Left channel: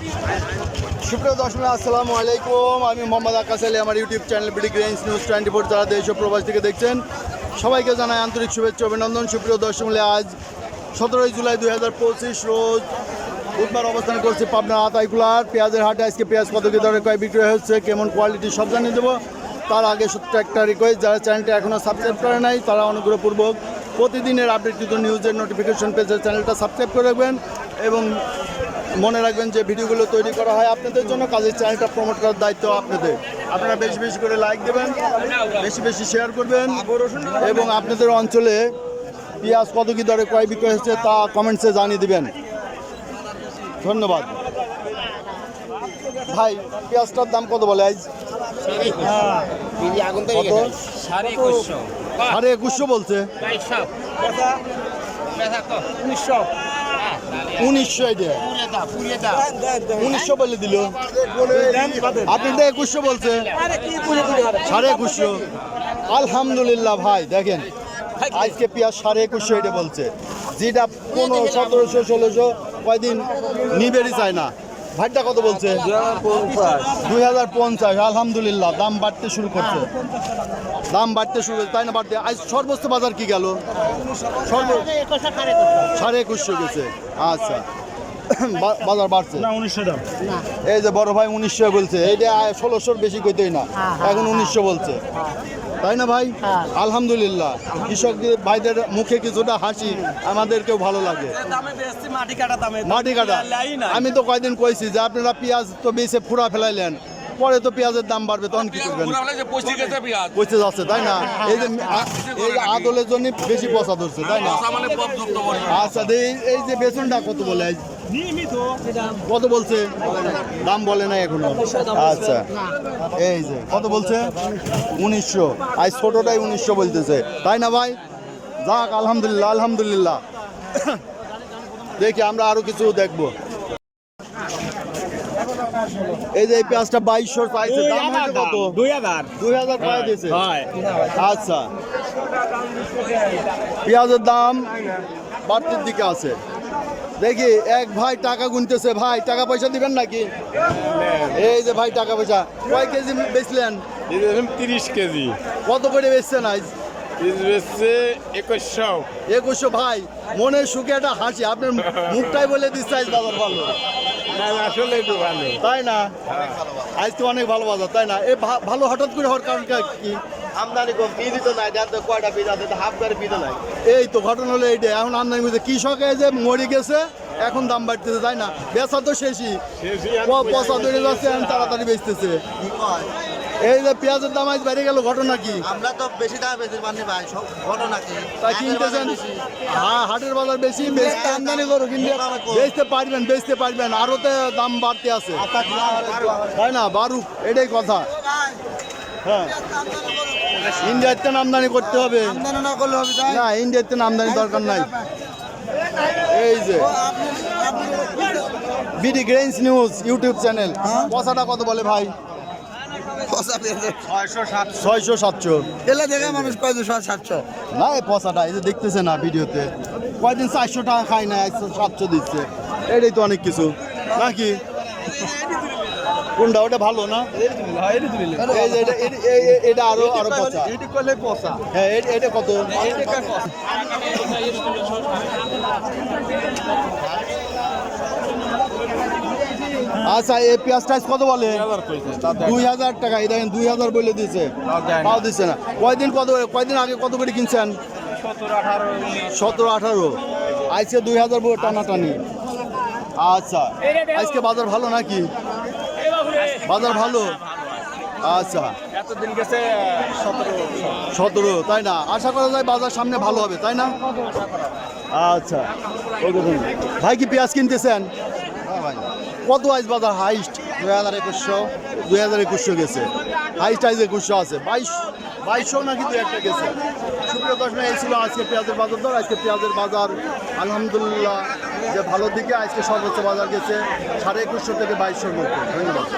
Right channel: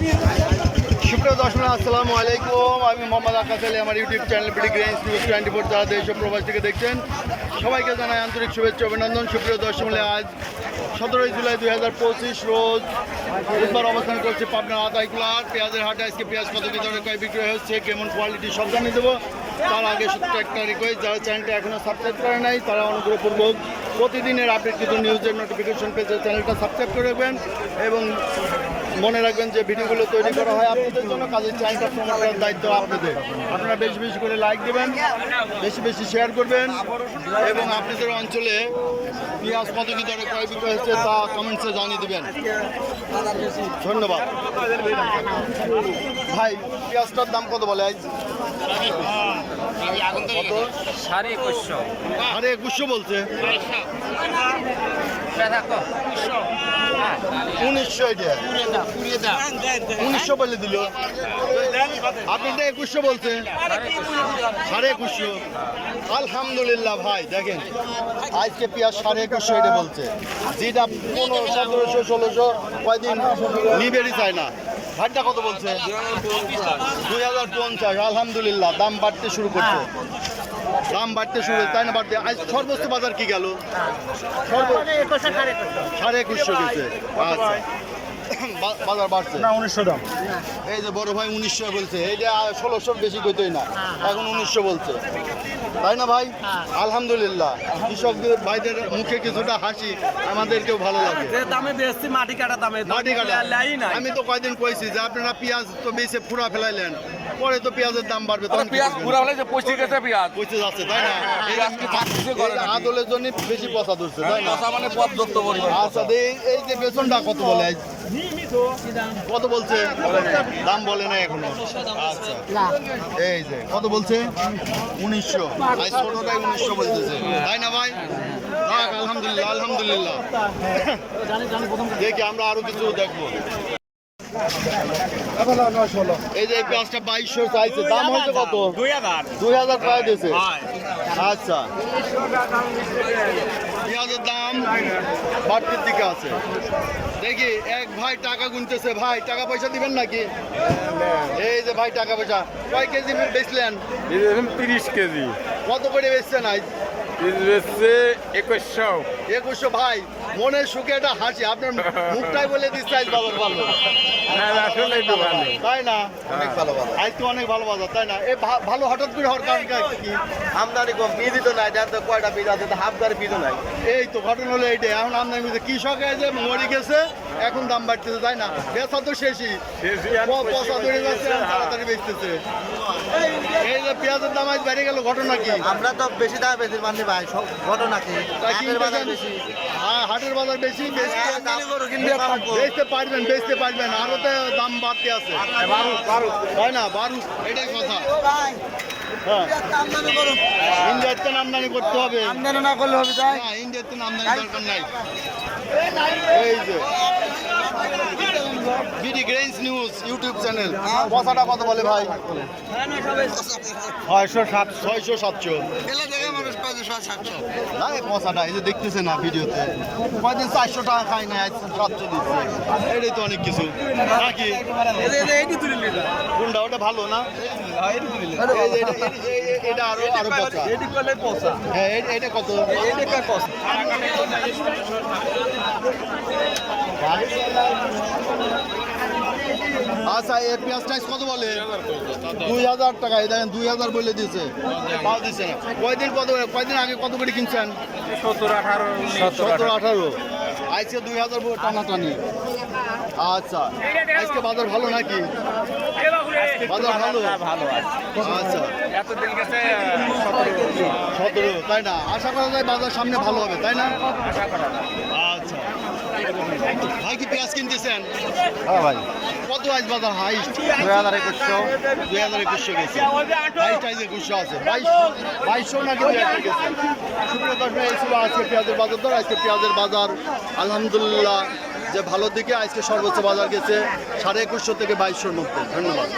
সুপ্রিয় দর্শক আসসালামু আলাইকুম, আমি মোহাম্মদ আকাশ আলী। আমার YouTube channel BD grains news 24 যারা দেশ ও প্রবাস থেকে দেখছেন সবাইকে জানাই আন্তরিক শুভেচ্ছা অভিনন্দন। সুপ্রিয় দর্শক, আজ 17 জুলাই 2025 রোজ বুধবার অবস্থান করছে পাবনা আতাইকুলার পেঁয়াজের হাটে। আজকে পেঁয়াজ কত কি দরে কয় বিক্রি হচ্ছে, কেমন কোয়ালিটি সব জানিয়ে দেবো। তার আগে সত্যি একটা রিকোয়েস্ট, যারা চ্যানেলটা এখনও সাবস্ক্রাইব করে নাই তারা অনুগ্রহপূর্বক প্রতিদিনের আপডেটকৃত নিউজের নোটিফিকেশন পেজে চ্যানেলটা সাবস্ক্রাইব করে রাখবেন এবং মনে রাখবেন যে ভিডিওগুলো তৈরি করা হয় আপনাদের জন্য, কাজের চ্যানেলটা প্রমোট করার দায়িত্ব আপনাদের। আপনারা বেশি বেশি করে লাইক দেবেন, বেশি বেশি শেয়ার করবেন এবং আপনাদের অঞ্চলে পেঁয়াজ কত কী দরে ক্রয় বিক্রয় হচ্ছে তা কমেন্টসে জানিয়ে দেবেন। ধন্যবাদ ভাই। পেঁয়াজটার দাম কত বলে আজ? কত? 21,500 বলছে। 1900 বলে দিল, আপনি তো 2100 বলছে। 21,500। আলহামদুলিল্লাহ ভাই, দেখেন আজকে পেঁয়াজ 21,500 এটা বলছে, যেটা 1700 1600 কয়দিন নিবেরই চায় না। ভাইটা কত বলছে? 2050। আলহামদুলিল্লাহ, দাম বাড়তে শুরু করছে, দাম বাড়তে শুরু, তাই না? বাড়তে আজ সর্বোচ্চ বাজার কি গেল? 21,500 গেছে। আচ্ছা, বাজার বাড়ছে না? 1900 দাম। এই যে বড় ভাই 1900 বলছে, এইটা 1600 বেশি কইতোই না, এখন 1900 বলছে, তাই না ভাই? আলহামদুলিল্লাহ, কৃষকদের ভাইদের মুখে কিছুটা হাসি আমাদেরকেও ভালো লাগে। মাটি কাটা। আমি তো কয়দিন কইছি যে আপনারা পেঁয়াজ তো বেশি ফুরা ফেলাইলেন, পরে তো পেঁয়াজের দাম বাড়বে, তখন কি করবেন? পচে যাচ্ছে, তাই না? এই যে আদলের জন্য বেশি পচা ধরছে, তাই না? আচ্ছা, এই যে বেতনটা কত বলে? কত বলছে? দাম বলে না এখনো। আচ্ছা, এই যে কত বলছে? 1900। আজ ছোটটাই 1900 বলতেছে, তাই না ভাই? যাক, আলহামদুলিল্লাহ আলহামদুলিল্লাহ। দেখি আমরা আরো কিছু দেখবো। এই যে পেঁয়াজটা 2200 চাইছে, দাম হচ্ছে কত? 2000 টাকা দিয়েছে। আচ্ছা, পেঁয়াজের দাম বাড়তির দিকে আছে। দেখি এক ভাই টাকা গুনতেছে। ভাই, টাকা পয়সা দিবেন নাকি? এই যে ভাই টাকা পয়সা, কয় কেজি বেচলেন? 30 কেজি। কত করে বেচছেন আজ? 2100। ভাই, মনের সুখে একটা হাসি, আপনার মুখটাই বলে দিচ্ছে আজ বাজার ভালো। আসলে একটু ভালো, তাই না? আজ তো অনেক ভালো বাজার, তাই না? এই ভালো হঠাৎ করে হওয়ার কারণ কি? আমদানি কম, বীজই তো নাই, জানতে কয়টা বীজ আছে, হাফ গাড়ি বীজও নাই। এই তো ঘটনা হলো এইটা, এখন আমদানি করছে, কৃষকে যে মরে গেছে এখন দাম বাড়তেছে, তাই না? বেচা তো শেষই, পচা ধরে যাচ্ছে, তাড়াতাড়ি বেচতেছে। এই যে পেঁয়াজের দাম আজ বেড়ে গেল, ঘটনা কি? আমরা তো বেশি দামে বেশি মানি ভাই, সব ঘটনা কি? হ্যাঁ, হাটের বাজার বেশি, বেচতে পারবেন, আরো তো দাম বাড়তে আছে, তাই না? বাড়ুক, এটাই কথা। হ্যাঁ, ইন্ডিয়ার থেকে আমদানি করতে হবে, আমদানি না করলে হবে না? ইন্ডিয়ার থেকে আমদানি দরকার নাই। এই যে BD grains news YouTube channel, পয়সাটা কত বলে ভাই? 600-700। না, এই পয়সাটা এই যে দেখতেছে না ভিডিওতে, কয়দিন 400 টাকা খাই না, 700 দিচ্ছে, এটাই তো অনেক কিছু নাকি? কোনটা? ওটা ভালো না? এটা আরো পচা। হ্যাঁ, এটা কত? আচ্ছা, এই পেঁয়াজটা কত বলে? 2000 টাকা। এই দেখেন 2000 বলে দিয়েছে, তাও দিচ্ছে না। কয়দিন আগে কত করে কিনছেন? 17-18। আজকে 2000 টানাটানি। আচ্ছা, আজকে বাজার ভালো নাকি? বাজার ভালো। আচ্ছা, এতদিন গেছে 17, তাই না? আশা করা যায় বাজার সামনে ভালো হবে, তাই না? আচ্ছা, ভাই কি পেঁয়াজ কিনতেছেন? হ্যাঁ ভাই। কত আজ বাজার হাইস্ট? 2100 গেছে। হাইস্ট আইজ 2100 আছে, 2200 নাকি 2-1টা গেছে। সুপ্রিয় দর্শক, এই ছিল আজকে পেঁয়াজের বাজার দর। আজকে পেঁয়াজের বাজার আলহামদুলিল্লাহ যে ভালো দিকে, আজকে সর্বোচ্চ বাজার গেছে 2150 থেকে 2200-র মধ্যে। ধন্যবাদ।